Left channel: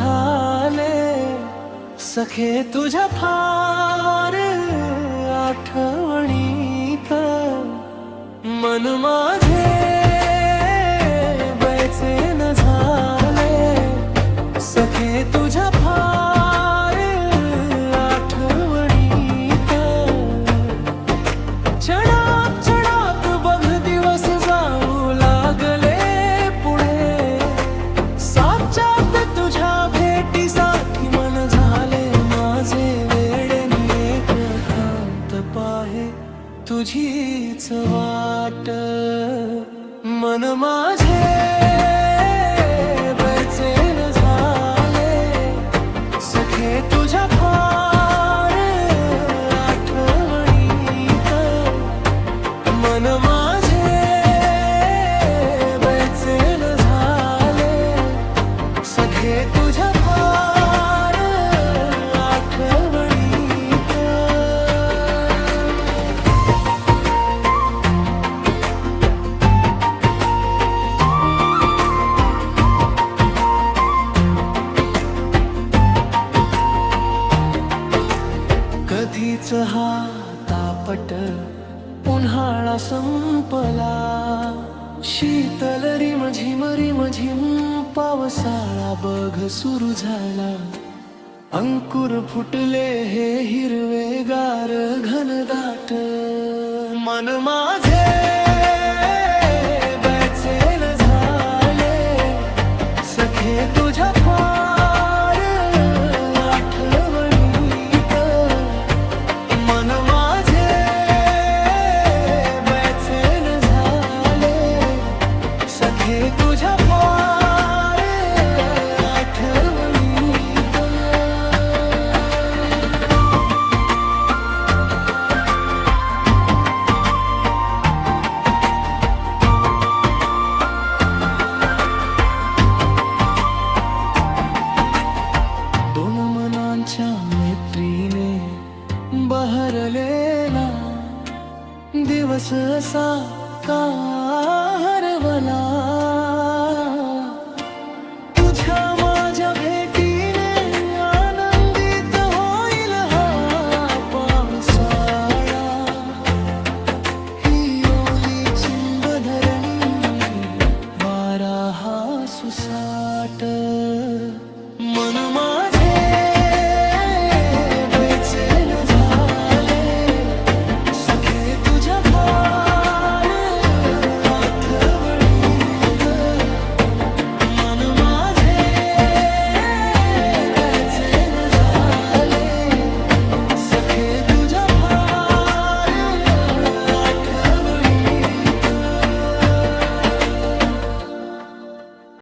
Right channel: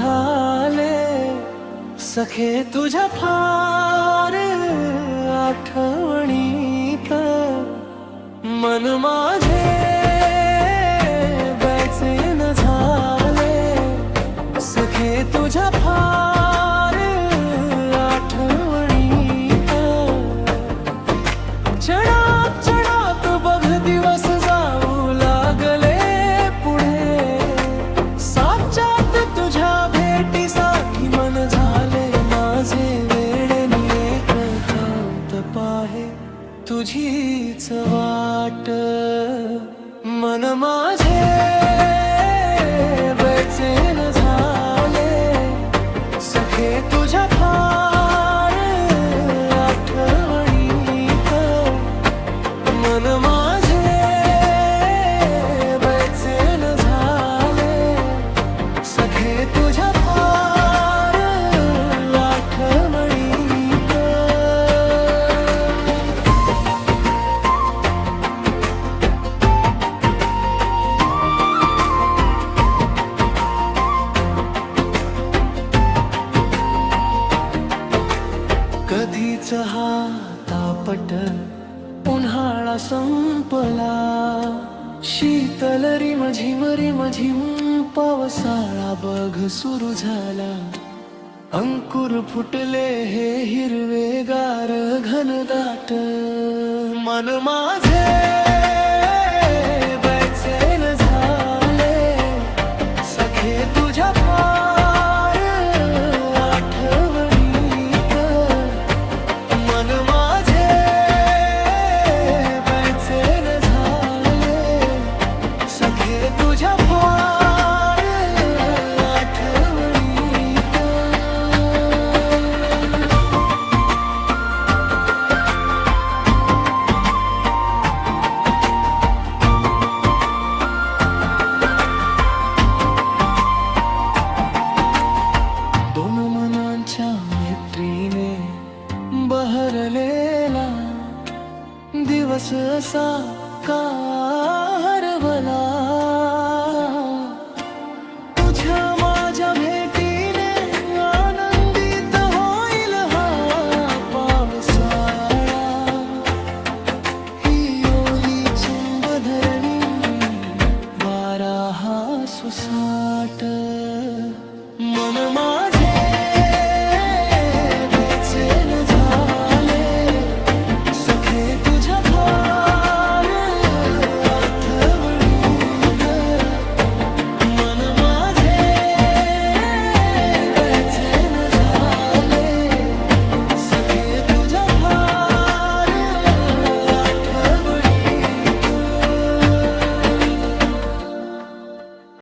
झाले सखे तुझ्या फार आठवणीत मन माझे बेचैन झाले सखे तुझ्या फार आठवणीत क्षणात क्षणात बघ दिवस जाऊ लागले पुढे साक्षात तुझ्या भेटीसाठी मन झाले माझे वेडे एकांत पाहे तुझीच वाट मन माझे बेचैन झाले सखे तुझ्या फार आठवणीत मन माझे बेचैन झाले सखे तुझ्या फार आठवणीत कधीच हा तापट उन्हाळा संपला शीतल रिमझिम रिमझिम पावसाळा बघ सुरू झाला अंकुर फुटले हे हिरवेगार घनदाट मन माझे बेचैन झाले सखे तुझ्या फार आठवणीत मन माझे बेचैन झाले सखे तुझ्या फार आठवणीत दोन मनांच्या मैत्रीने बहरलेला दिवस असा का हरवला तुझ्या माझ्या भेटीने आनंदित होईल हा पावसाळा ही ओली चिंब धरणी वारा हा सुसाट मन माझे बेचैन झाले सखे तुझ्या फार आठवणीत मन माझे बेचैन झाले सखे तुझ्या फार